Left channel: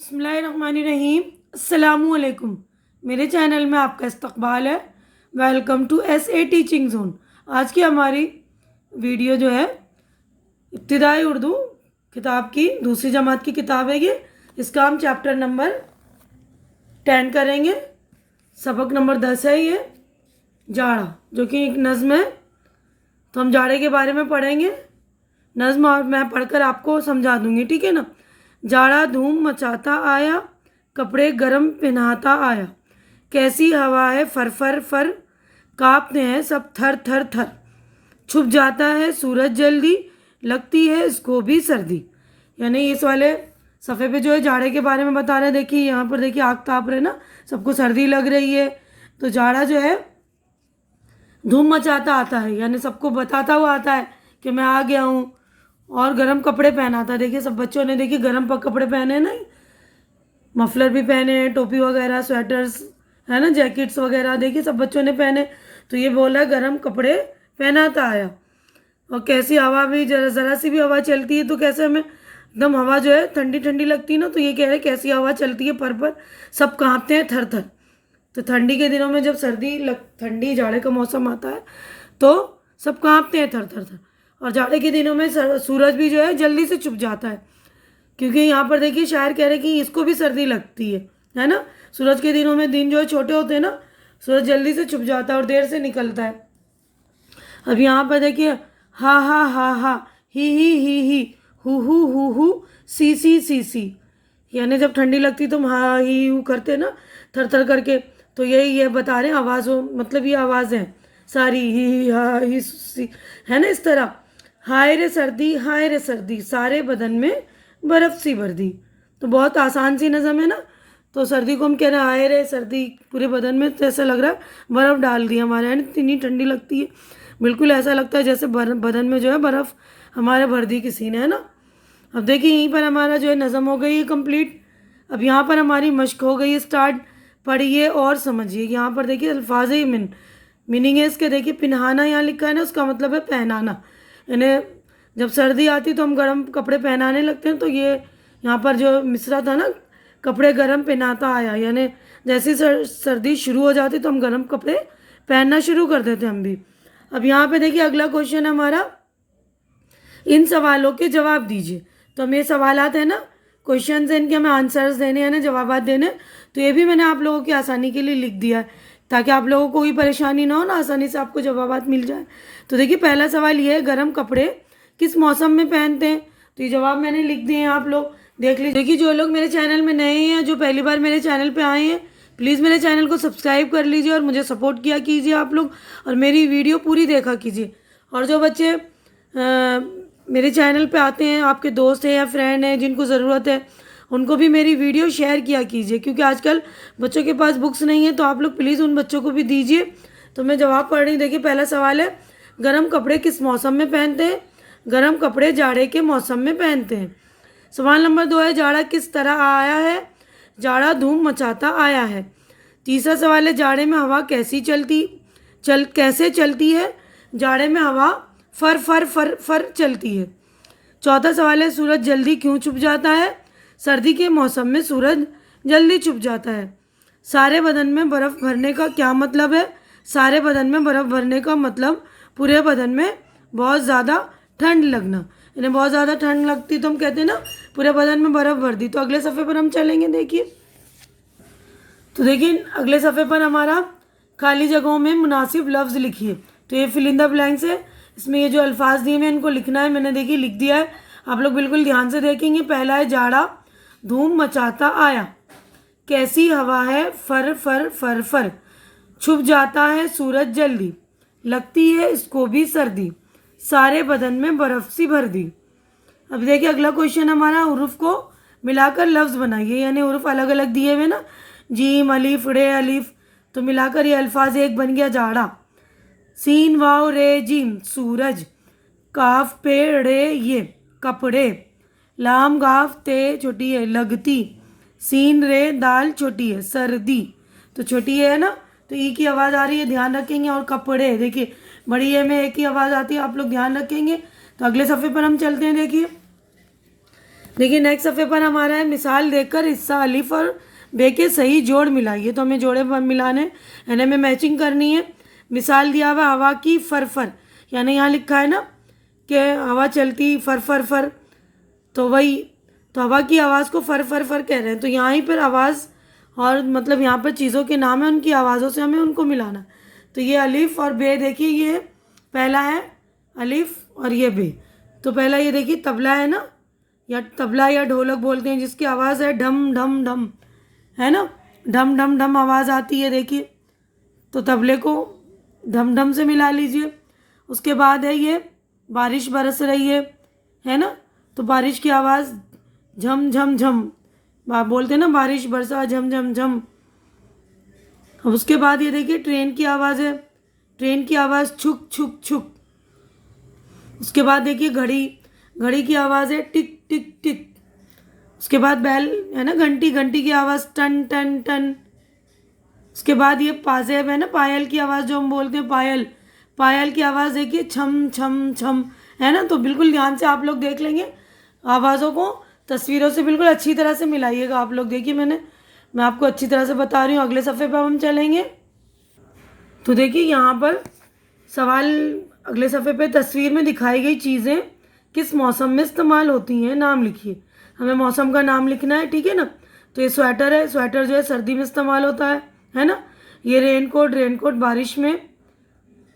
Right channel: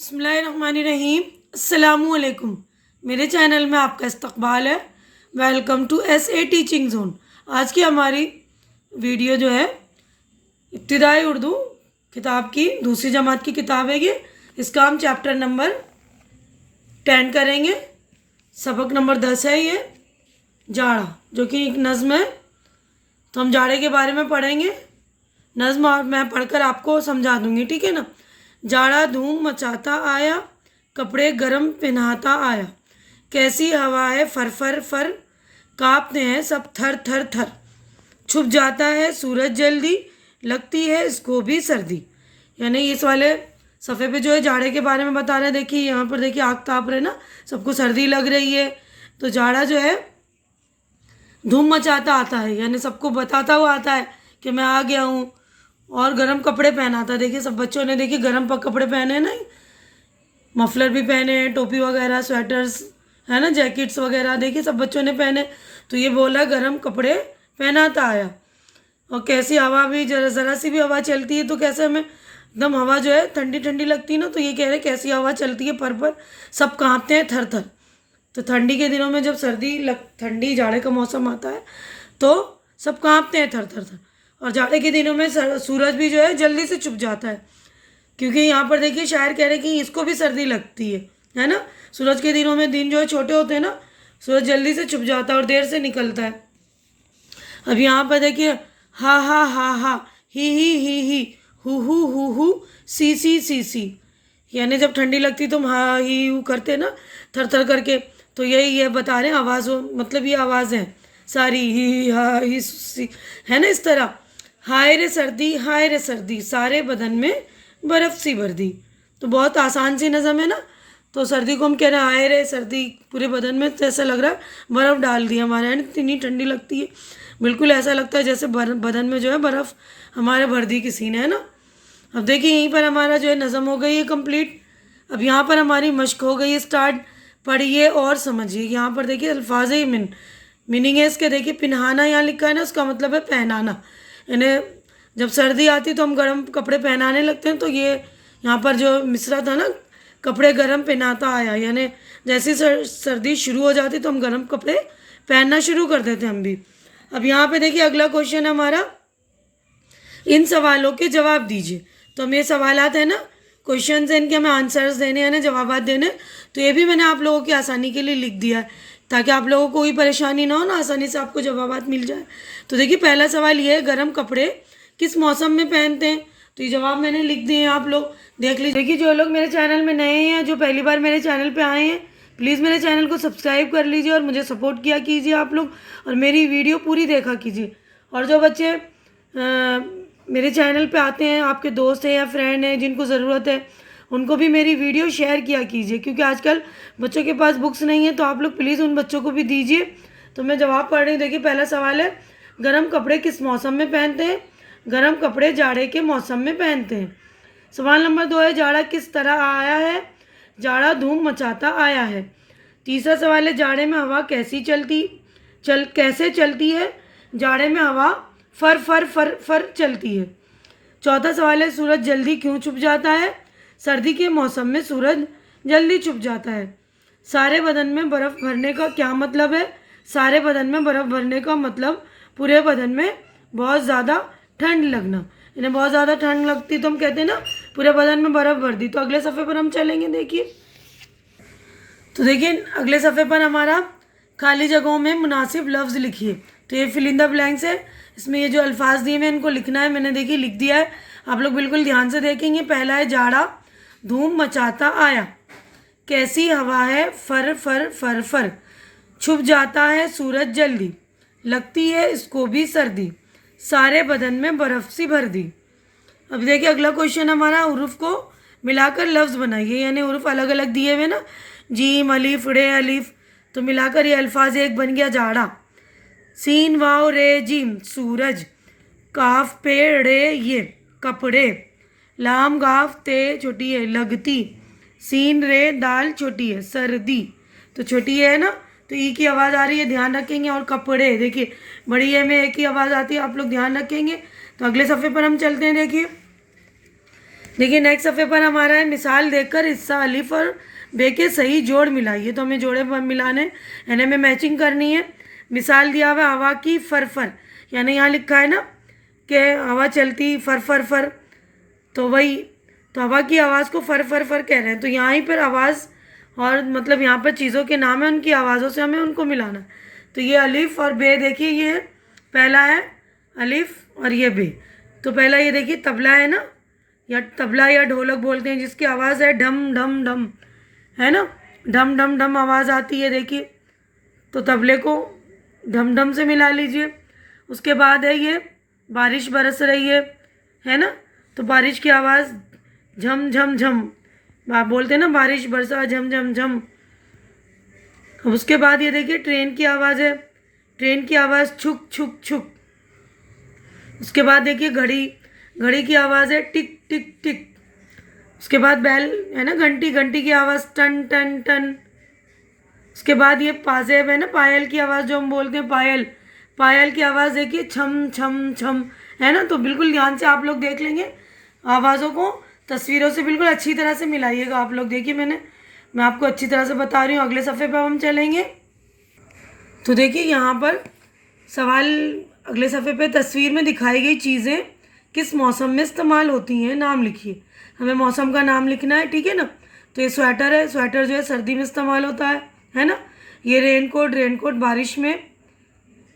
बिस्मिल्लाहिर्रहमानिर्रहीम। अस्सलामुअलैकुम। मेरे चैनल में आपका इस्तकबाल है। Welcome to SA teaching zone. आज की हमारी वीडियो जो है इब्तिदाई उर्दू किताब की दूसरी जमात की किताब है ये। इसका हम चैप्टर नंबर 10 करेंगे। सबक नंबर 10 है ये, जाड़ा, जो कि एक नज़्म है। तो हम जाड़े के बारे में पढ़ेंगे नज़्म, और मैं पढ़कर आपको समझा दूंगी, ठीक है ना। जाड़ा धूम मचाता आया, कपड़े गरम पहनाता आया, कैसी हवा है फर फर फर, कांपते हैं सब थर थर थर, छुप जाता है सूरज जल्दी, लगती है इसको भी सर्दी। यानी इस वाले सफ़े पे जो है जाड़े के बारे में बता रहे हैं। देखिए यहाँ पर, देखिए आग ताप रहे ना, सबको सर्दी लग रही है। तो जाड़ा जो है धूम मचाता आता है, यानी सबको बताता हुआ आता है कि मैं आ गया हूँ। और गर्म कपड़े पहना था। देखिए सब बच्चों ने देखिए गर्म कपड़े पहने हैं ना, मफलर भी पहने हैं, टोपी वगैरह, स्वेटर्स है ना, जैकेट्स वगैरह, देखिए सब बच्चों ने पहने। तो ये बोला गर्म कपड़े पहनाता आया। और कैसी हवा भी, जरा ज़रा सी भी हवा चलती है तो कैसे हमें एकदम हवा जो है ठंडी ठंडी लगती है ना। तो ये कह रहे कैसी हवा चलती है पर सब कांपते हैं थर थर। तो ठंडी के दिनों में जब ठंडी जाड़े का मौसम आता है तो सब कांपते हैं थर थर थर। और जाड़े के दिनों में सूरज भी जो है जल्दी से छुप जाता है, क्योंकि यहाँ पर देखिए शायर कह रहे हैं कि इसको भी सर्दी लगती है ना। सूरज के दिनों में दिन जो है छोटे होते हैं ना, सूरज जल्दी से छुप जाता है और देर से निकलता है। अब यहाँ पर देखिए हा हा हा हा, ही हु सी, यानी जब ठंडी लगती तो हम हा ही हु करते ना, थर थर करके। तो यही ये बता रहे हैं आवाज़ों, मतलब ये आवाज़ है सारी, ही हा ही सी, है ना, इस तरह। हाय रे सर्दी, सारे बदन में बर्फ़ सी भर दी। तो बहुत आसान सी नज़म है ना। तो सर्दी को हम कह रहे हैं हाय रे सर्दी, पूरे बदन में तो ऐसा लग रहा है बर्फ़ डाल दी हमारे यहाँ, इतनी ठंडी लगती है। बिल्कुल ऐसा लगता है जैसे बदन में जो है बर्फ़ हमारे भर दी किसी ने, है ना। अब देखिए यहीं पर हमारा जो है नज़म हो गई है कंप्लीट। अब यहाँ पर हमारी मश्क हो गई है स्टार्ट। पढ़िए और समझिए। यहाँ पर देखिए अल्फाज मीनिंग है इसके। देखिए पिनहाना यहाँ लिखा है ना, उसका मतलब है पहनाना। इन्हें जब सर्दी आती तो हम गर्म कपड़े पहनाने लगते हैं। तो ये यहाँ पर जो मिसरा था ना, कपड़े गर्म पहनाता आया, यानी जैसे सर्दी शुरू हो जाती तो हम गर्म कपड़े पहनना शुरू कर देते हम भी। अब यहाँ पे देखिए अगला क्वेश्चन हमारा, इन सवालों के जवाब दीजिए। तो हम ये सवालात है ना, क्वेश्चन है, इनके हमें आंसर्स देने हैं ना, जवाबात देने। तो ये भी मैंने आप लोगों की आसानी के लिए लिख दिया है, ताकि आप लोगों को कोई परेशानी ना हो ना, आसानी से आपको जवाबात मिल जाए। तो देखिए पहला सवाल ये है, गर्म कपड़े किस मौसम में पहनते हैं। तो ये जवाब मैंने लिख दिए हैं, आप लोग देख लीजिए। देखिए जो लोग मेरे चैनल में नए हैं, जो पहली बार मेरे चैनल पर आए हैं, प्लीज़ मेरे चैनल को सब्सक्राइब कर लीजिए और मुझे सपोर्ट किया कीजिए आप लोग, और मेरी वीडियो पूरी देखा कीजिए। और जो बच्चे मेरे चैनल पे आते हैं, आपके दोस्त हैं या फ्रेंड हैं जिनको ज़रूरत है, उनको भी मेरी वीडियो शेयर किया कीजिए, क्योंकि आजकल बच्चों के पास बुक्स नहीं है। तो आप लोग प्लीज़ उन बच्चों को भी दीजिए। तो मैं जवाब पढ़ रही हूँ। देखिए पहला सवाल है, गर्म कपड़े किस मौसम में पहनते हैं। गर्म कपड़े जाड़े के मौसम में पहनते हैं। सवाल नंबर 2 है, जाड़ा किस तरह आया है। जाड़ा धूम मचाता आया है। तीसरा सवाल है, जाड़े में हवा कैसे चलती है। जाड़े में हवा फर फर फर फर चलती है। चौथा सवाल है, सूरज जल्दी क्यों छुप जाता है। सर्दी के मौसम में सूरज जल्दी छुप जाता है। सारे बदन में बर्फ़ भरने का क्या मतलब है। सारे बदन में बर्फ़ भरने का मतलब पूरे बदन में बहुत ज़्यादा ठंड लगना। इन्हें बहुत ज़्यादा ठंड लगती तो हम कहते हैं ना पूरे बदन में बर्फ़ भर दी। तो अगले सफ़े पर हम चलेंगे। देखिए तो देखिए अगले सफ़े पर हमारा खाली जगहों में मुनासिब लफ्ज़ लिखिए। तो ये फिल इन द ब्लैंक्स है। इसमें ये जो अल्फाज दिए हैं इनको लिखना है। मैंने देखिए लिख दिया है, आप लोग बिल्कुल ध्यान से देखेंगे। पहला है, जाड़ा धूम मचाता आया, कैसी हवा है फर फर फर फर, छुप जाता है सूरज जल्दी, लगती है इसको भी सर्दी, सारे बदन में बर्फ़ सी भर दी। अब देखिए अगला क्वेश्चन हमारा, हुरूफ को मिलाकर लफ्ज़ बनाइए। यानी हुरूफ अलग अलग दिए हुए ना, जीम अलिफ रे अलिफ, तो मिलाकर ये अल्फाज एक बन गया जाड़ा। सीन वाव रे जीम सूरज, काफ पे रे ये कपड़े, लाम गाफ ते छोटी है लगती, सीन रे दाल छोटी है सर्दी। तो छोटी है ना, तो ई की आवाज़ आ रही है, ध्यान रखेंगे। और कपड़े देखिए बड़ी है में एक ही आवाज़ आती है, आप लोग ध्यान रखेंगे। तो अगले सफ़े पर हम चलते हैं। देखिए देखिए नेक्स्ट सफ़े पर हमारा है मिसाल देखकर हिस्सा अलिफ और बे के सही जोड़ मिलाइए। तो हमें जोड़े मिलाने यानी हमें मैचिंग करनी है। मिसाल दिया हुआ हवा की फर, यानी यहाँ लिखा है ना कि हवा चलती फर फर फर, तो वही, तो हवा की आवाज़ को फर फर फर कह रहे हैं। तो यहाँ ही पर आवाज़ और मतलब यहाँ पर चीज़ों के नाम है, उनकी आवाज़ों से हमें उनको मिलाना। तो ये अलिफ और बे, देखिए ये पहला है अलिफ और ये बे। तो पहला ये देखिए तबला है ना, या तबला या ढोलक बोलते हैं, जिसकी आवाज़ है ढम ढम ढम, है ना, ढम ढम ढम आवाज़ आती है देखिए। तो तबले को ढम ढम से मिला लीजिए। उसके बाद है ये बारिश बरस रही है ना, तो बारिश की आवाज़ झम झम झम, बोलते हैं ना बारिश बरसा झम झम झम। अब उसके बाद ये देखिए ट्रेन की आवाज़ है, ट्रेन की आवाज़ छुक छुक छुक। उसके बाद देखिए घड़ी, घड़ी की आवाज़ है टिक टिक टिक। उसके बाद बैल है ना, घंटी, घंटी की आवाज़ टन टन टन। उसके बाद ये पाजेब है ना, पायल की आवाज़ जो हम बोलते हैं पायल, पायल की आवाज़ देखिए छम छम छम, है ना। तो बिल्कुल ध्यान से आप लोग देख लेंगे, आवाज़ों को तस्वीरों से बिल्कुल अच्छी तरह से मिलाइएगा आप लोग। देखिए मैं आपको अच्छी तरह से बता रही हूँ। अगले सफ़े पर हम चलेंगे। तो देखिए यहाँ पर सवाल अगले सफ़े पे, तस्वीर में दिखाई गई चीज़ें किस मौसम में इस्तेमाल होती हैं, नाम लिखिए। हमें मौसम का नाम लिखना है, ठीक है ना। तो ये स्वेटर है, स्वेटर जो है सर्दी में इस्तेमाल होता है ना। ये रेनकोट, रेनकोट बारिश में,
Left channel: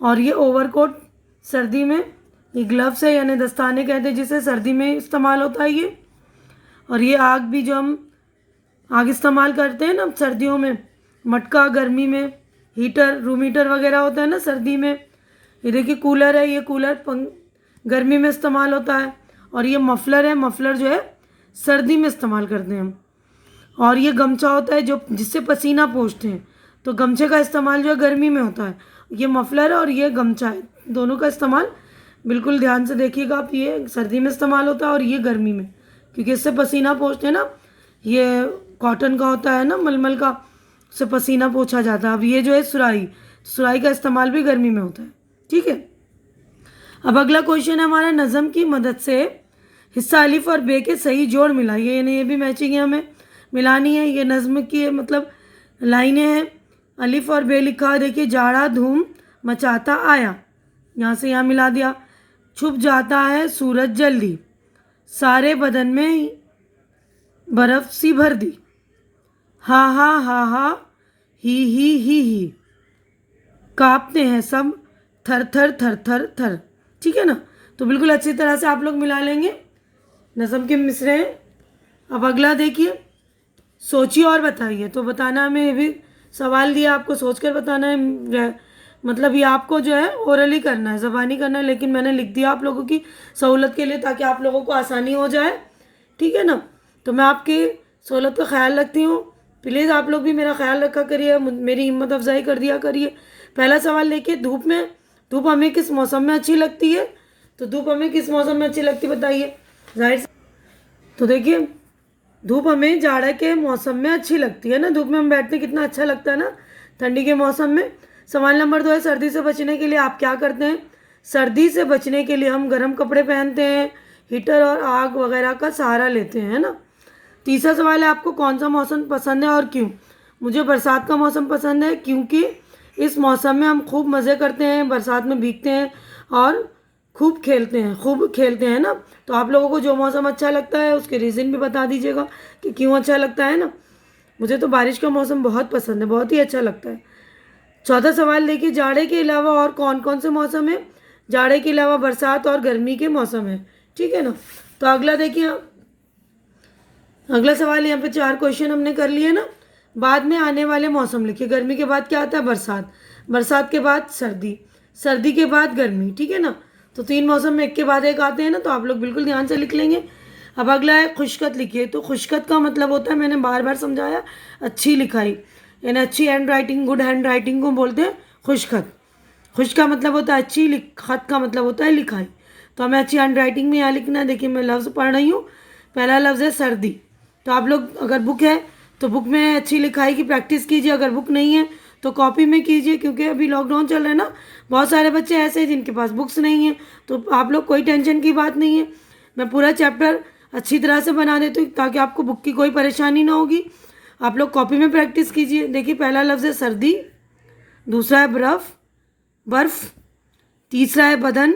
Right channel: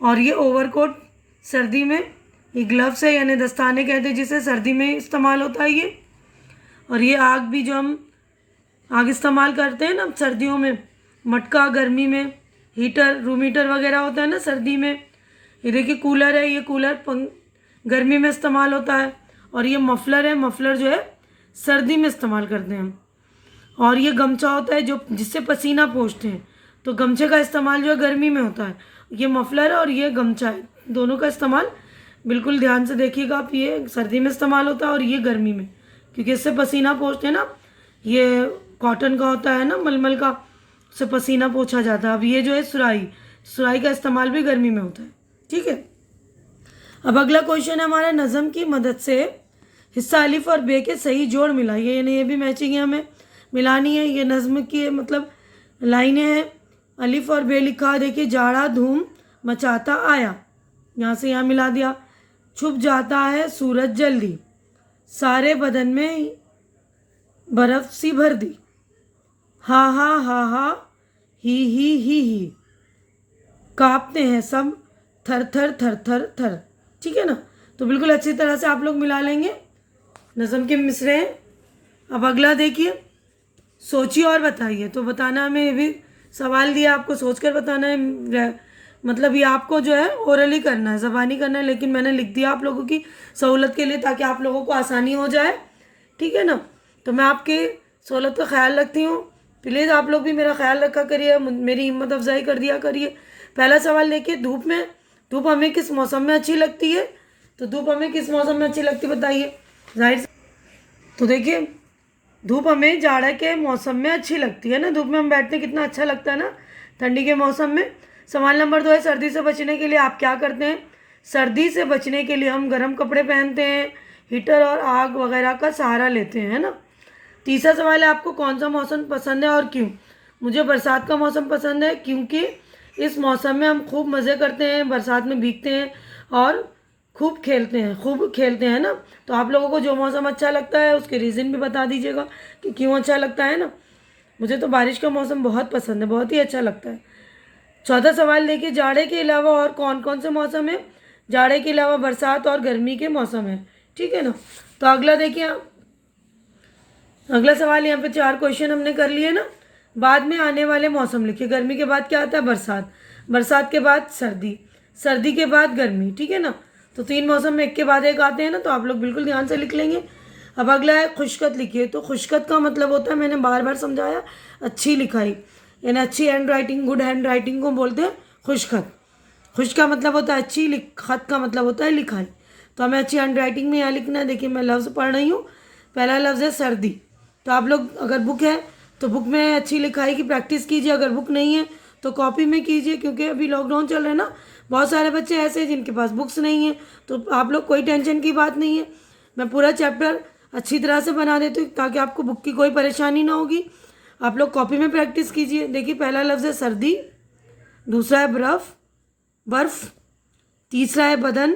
और ये ओवरकोट सर्दी में। ये ग्लव्स है यानी दस्ताने कहते हैं, जिसे सर्दी में इस्तेमाल होता है ये। और ये आग भी, जो हम आग इस्तेमाल करते हैं ना सर्दियों में, मटका गर्मी में, हीटर, रूम हीटर वगैरह होता है ना सर्दी में। ये देखिए कूलर है, ये कूलर गर्मी में इस्तेमाल होता है। और ये मफलर है, मफलर जो है सर्दी में इस्तेमाल करते हैं हम। और ये गमछा होता है जो जिससे पसीना पोंछते हैं, तो गमछे का इस्तेमाल जो है गर्मी में होता है। ये मफलर है और ये गमछा है, दोनों का इस्तेमाल बिल्कुल ध्यान से देखिएगा आप। ये सर्दी में इस्तेमाल होता है और ये गर्मी में, क्योंकि इससे पसीना पोंछते हैं ना। ये कॉटन का होता है ना, मलमल का, से पसीना पोंछा जाता है। अब ये जो है सुराही, सुराही का इस्तेमाल भी गर्मी में होता है, ठीक है। अब अगला क्वेश्चन है हमारा, नज़म की मदद से हिस्सा अलिफ और बे के सही जोड़ मिलाइए। यानी ये भी मैचिंग है, हमें मिलानी है। ये नज़म की मतलब लाइनें हैं, अलिफ और बे लिखा है देखिए। जाड़ा धूम मचाता आया, यहाँ से यहाँ मिला दिया। छुप जाता है सूरज जल्दी, सारे बदन में बर्फ सी भर दी। हा हा हा हा ही, कांपते हैं सब थर थर थर थर थर, ठीक है ना। तो बिल्कुल अच्छी तरह से आप लोग मिला लेंगे, नज़म के मिसरे हैं। अब अगला देखिए, सोचिए और बताइए। तो बताना हमें, ये भी सवाल दिया आपको, सोचकर बताना है। मतलब ये आपको जो है ओरली करना है, ज़बानी करना है, लेकिन मैंने लिख दिया आप लोगों की सहूलत के लिए, ताकि आप लोगों को आसानी हो जाए, ठीक है ना। तो मैं आपकी सहूलत का ख्याल रखती हूँ, प्लीज़ आप लोग भी मेरा ख्याल रखा करिए, मेरी हिम्मत अफजाई कर दिया करिए। पहला सवाल देखिए, धूप हमें किस मौसम में अच्छी लगती है। तो धूप हमें किस मौसम में अच्छी लगती है बताइए, जाहिर से। तो देखिए धूप हमें जाड़ा के मौसम में अच्छी लगती है ना, धूप में हम बैठते कितना अच्छा लगता है ना, ठंडी के मौसम में। सवाल नंबर 2 है, सर्दी से बचने के लिए आप क्या करते हैं। सर्दी से बचने के लिए हम गर्म कपड़े पहनते हैं, हीटर और आग वगैरह का सहारा लेते हैं, है ना। तीसरा सवाल है, आपको कौन सा मौसम पसंद है और क्यों। मुझे बरसात का मौसम पसंद है, क्योंकि इस मौसम में हम खूब मज़े करते हैं, बरसात में भीगते हैं और खूब खेलते हैं ना। तो आप लोगों को जो मौसम अच्छा लगता है उसके रीज़न भी बता दीजिएगा कि क्यों अच्छा लगता है ना। मुझे तो बारिश का मौसम बहुत पसंद है, बहुत ही अच्छा लगता है। चौथा सवाल देखिए, जाड़े के अलावा और कौन कौन से मौसम है। जाड़े के अलावा बरसात और गर्मी के मौसम है, ठीक है ना। तो अगला देखिए, अगला सवाल, यहाँ पे 4 क्वेश्चन हमने कर लिए ना। बाद में आने वाले मौसम लिखिए। गर्मी के बाद क्या आता है, बरसात, बरसात के बाद सर्दी, सर्दी के बाद गर्मी, ठीक है ना। तो 3 मौसम में एक के बाद एक आते हैं ना, तो आप लोग बिल्कुल ध्यान से लिख लेंगे। अब अगला है खुशखत लिखिए। तो खुशखत का मतलब होता है, मैंने बार बार समझाया, अच्छी लिखाई, यानी अच्छी hand writing, good hand writing को बोलते हैं खुशखत। खुश का मतलब होता है अच्छी, खत का मतलब होता है लिखाई। तो हमें अच्छी हैंड राइटिंग में यहाँ लिखना है। देखिए मैं लफ्ज़ पढ़ रही हूँ, पहला लफ्ज़ है सर्दी। तो आप लोग अगर बुक है तो बुक में अच्छी लिखाई की प्रैक्टिस कीजिए, अगर बुक नहीं है तो कॉपी में कीजिए, क्योंकि अभी लॉकडाउन चल रहा है ना, बहुत सारे बच्चे ऐसे हैं जिनके पास बुक्स नहीं है। तो आप लोग कोई टेंशन की बात नहीं है, मैं पूरा चैप्टर अच्छी तरह से बना देती हूँ ताकि आपको बुक की कोई परेशानी ना होगी। आप लोग कॉपी में प्रैक्टिस कीजिए। देखिए, पहला लफ्ज़ है सर्दी, दूसरा है बर्फ़, तीसरा है बदन,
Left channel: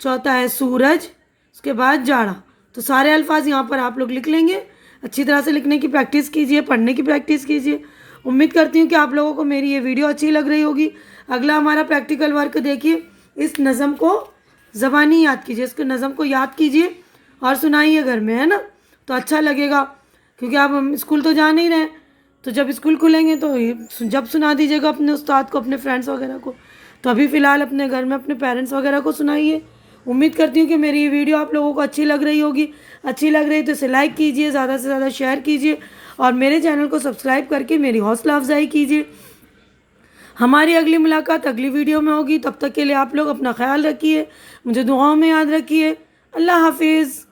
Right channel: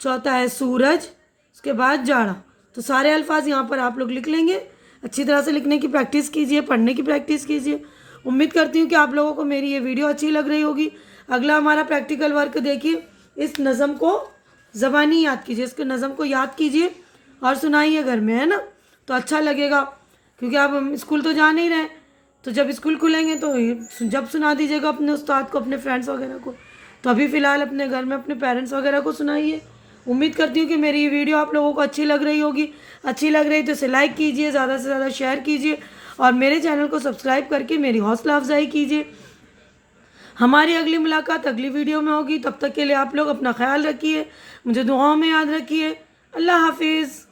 चौथा है सूरज, उसके बाद जाड़ा। तो सारे अल्फाज यहाँ पर आप लोग लिख लेंगे। अच्छी तरह से लिखने की प्रैक्टिस कीजिए, पढ़ने की प्रैक्टिस कीजिए। उम्मीद करती हूँ कि आप लोगों को मेरी ये वीडियो अच्छी लग रही होगी। अगला हमारा प्रैक्टिकल वर्क देखिए। इस नज़म को ज़बानी याद कीजिए, इसके नज़म को याद कीजिए और सुनाइए घर में, है ना। तो अच्छा लगेगा, क्योंकि आप स्कूल तो जा नहीं रहे, तो जब स्कूल खुलेंगे तो जब सुना दीजिएगा अपने उस्ताद को, अपने फ्रेंड्स वगैरह को। तो अभी फ़िलहाल अपने घर में अपने पेरेंट्स वगैरह को सुनाइए। उम्मीद करती हूँ कि मेरी ये वीडियो आप लोगों को अच्छी लग रही होगी। अच्छी लग रही तो इसे लाइक कीजिए, ज़्यादा से ज़्यादा शेयर कीजिए और मेरे चैनल को सब्सक्राइब करके मेरी हौसला अफजाई कीजिए। हमारी अगली मुलाकात अगली वीडियो में होगी। तब तक के लिए आप लोग अपना ख्याल रखिए, मुझे दुआओं में याद रखिए। अल्लाह हाफिज़।